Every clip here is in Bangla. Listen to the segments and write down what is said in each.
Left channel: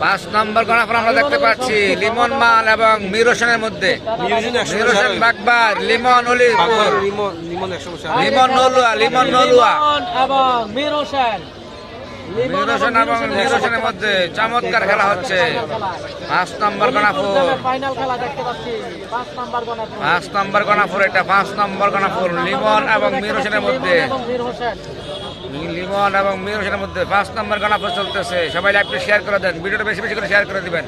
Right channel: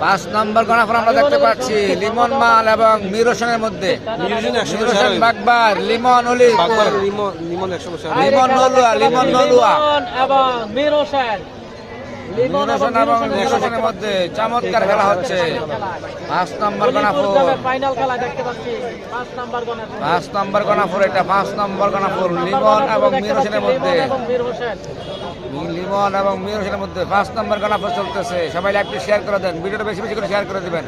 পাঁচ নম্বর গণাফল আমরা দেখতে পাচ্ছি লিমন মাল এবং মির হোসেনের মধ্যে মির হোসেন বাগবার লিমন অলিপুর। লিমন নলুয়া লিমন নলুয়া। মীর হোসেন মির হোসেন এবং মির হোসেনের মধ্যে চমৎকার খেলা হচ্ছে। পাঁচ নম্বর গণাফুল। ফাইনাল খেলা দেখতে পাচ্ছি। পাঁচ নাম্বার গণে পাঁচ নম্বর গণাফুল এটা পাঁচ নম্বর গণাফুল। লিমন এবং মির হোসেনের মধ্যে লিমন এবং মির হোসেনের মধ্যে পাঁচ নম্বর গণাফুল চলতেছে। সবাই লাইভটি শেয়ার করে দেন, ভিডিওটা বেশি বেশি করে শেয়ার করে দেবেন।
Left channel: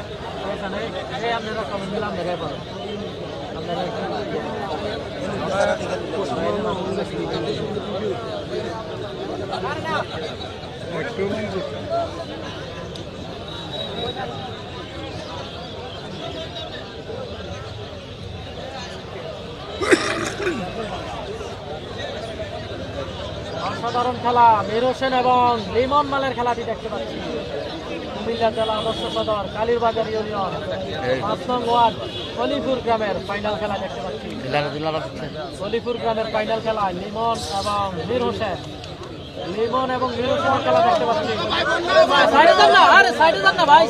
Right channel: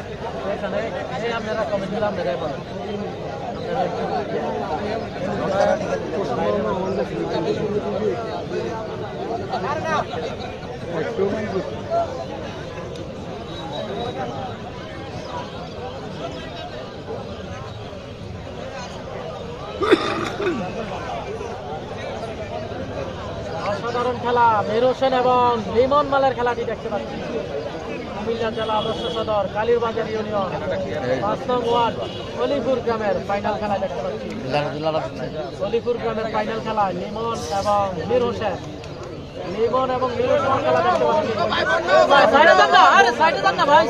অসাধারণ খেলা মীর হোসেন এবং লিমন মালের খেলাটি দেখতে পাচ্ছি। কুমিল্লা জেলা আদর্শ সদর কালীরবাজার ইউনিয়ন। এই। অষ্টম ওয়ার্ড সলিপুর গ্রামের ফাইনাল খেলা দেখতে পাচ্ছি। গ্রামের ফাইনাল খেলা লিমন এবং মীর হোসেন। লিমন এবং মীর হোসেন খেলা দেখতে পাচ্ছি। সাইডে যান না আরে সাইডে যান না ভাই।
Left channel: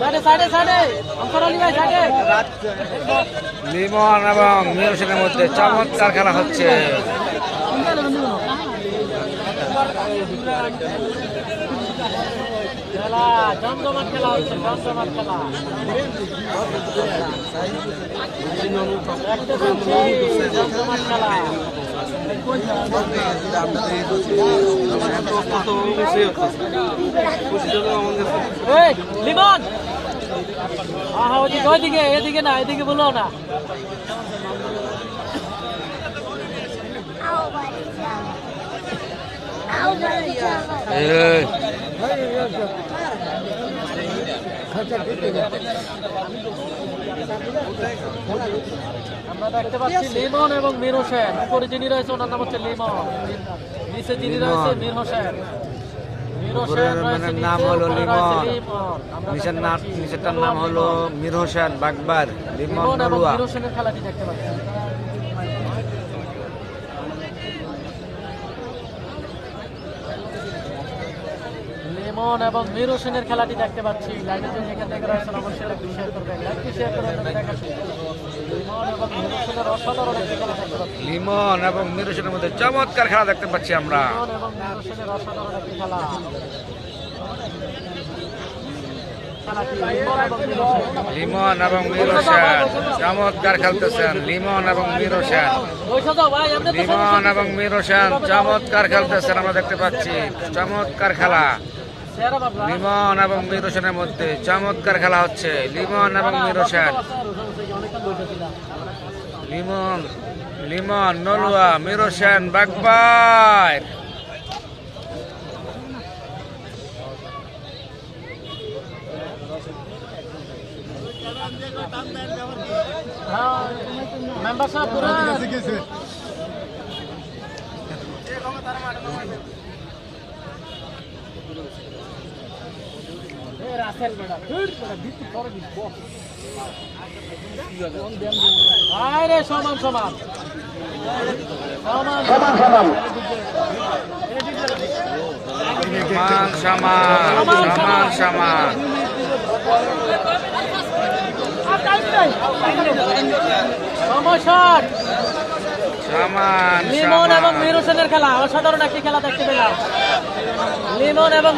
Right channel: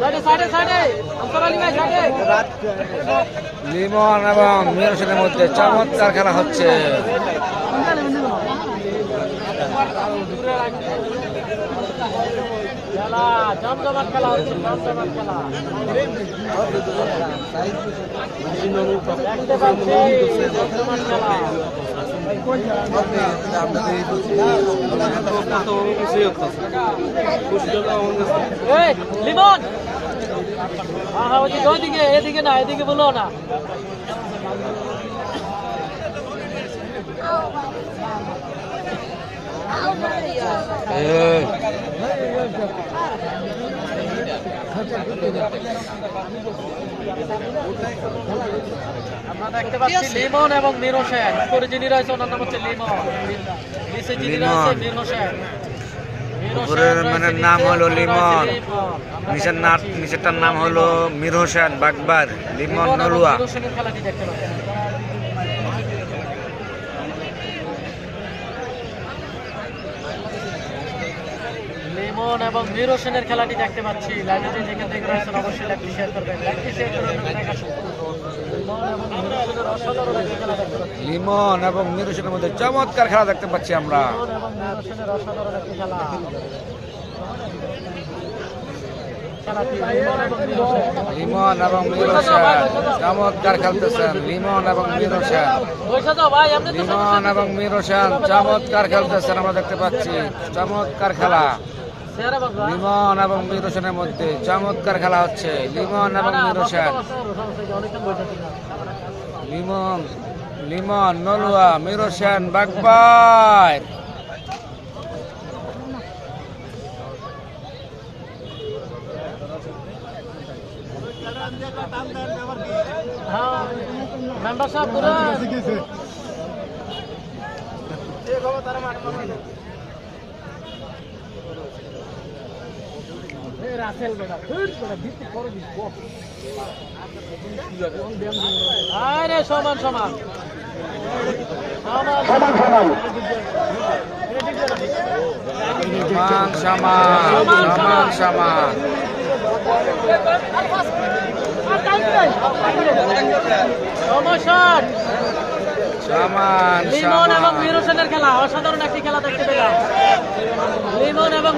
সাইডে সাইডে সাইডে। ভাই সাইডে। লিমন এবং মির হোসেনের মধ্যে চমৎকার খেলা হচ্ছে খেলা জমজমাট খেলা হচ্ছে জমজমাট খেলা দেখতে পাচ্ছি জমজমাট খেলা এই, লিমন ওইদিকে এদিকে না এদিকে বলো না। এই, আমরা দেখতে পাচ্ছি লিমন এবং মীর হোসেন উপরে যিনি রয়েছে ওনার হচ্ছে লিমন। নিচে যিনি রয়েছে মীর হোসেন উপরের মানে নাম হলো লিমন। নিচের নাম নিচেরটার নাম হলো মির হোসেন বাগবার। লিমন লিমন নলুয়া। হোসেনের খেলাটি দেখতে পাচ্ছি। লিমন এবং মীর হোসেনের খেলাটি দেখতে পাচ্ছি। লিমন এবং মীর হোসেনের মধ্যে চমৎকার খেলা দেখতে পাচ্ছি আমরা। লিমন এবং মীর হোসেন চমৎকার খেলতেছেন। লিমন এবং মির হোসেন লিমন এবং মির হোসেন চমৎকার খেলতেছেন, আমরা দেখতে পাচ্ছি। চমৎকার খেলা। লিমন এবং মির হোসেনের মধ্যে চমৎকার খেলা হচ্ছে। লিমন এবং মির হোসেন লিমন লিমন, নলুয়া মির হোসেন বাগবার মেম্বার সাহেব সমান সমান। সমান সমান। সমান সমান সমান লিমন এবং সমান। মির হোসেনের খেলা অসাধারণ একটি খেলা দেখতে পেলাম। লিমন এবং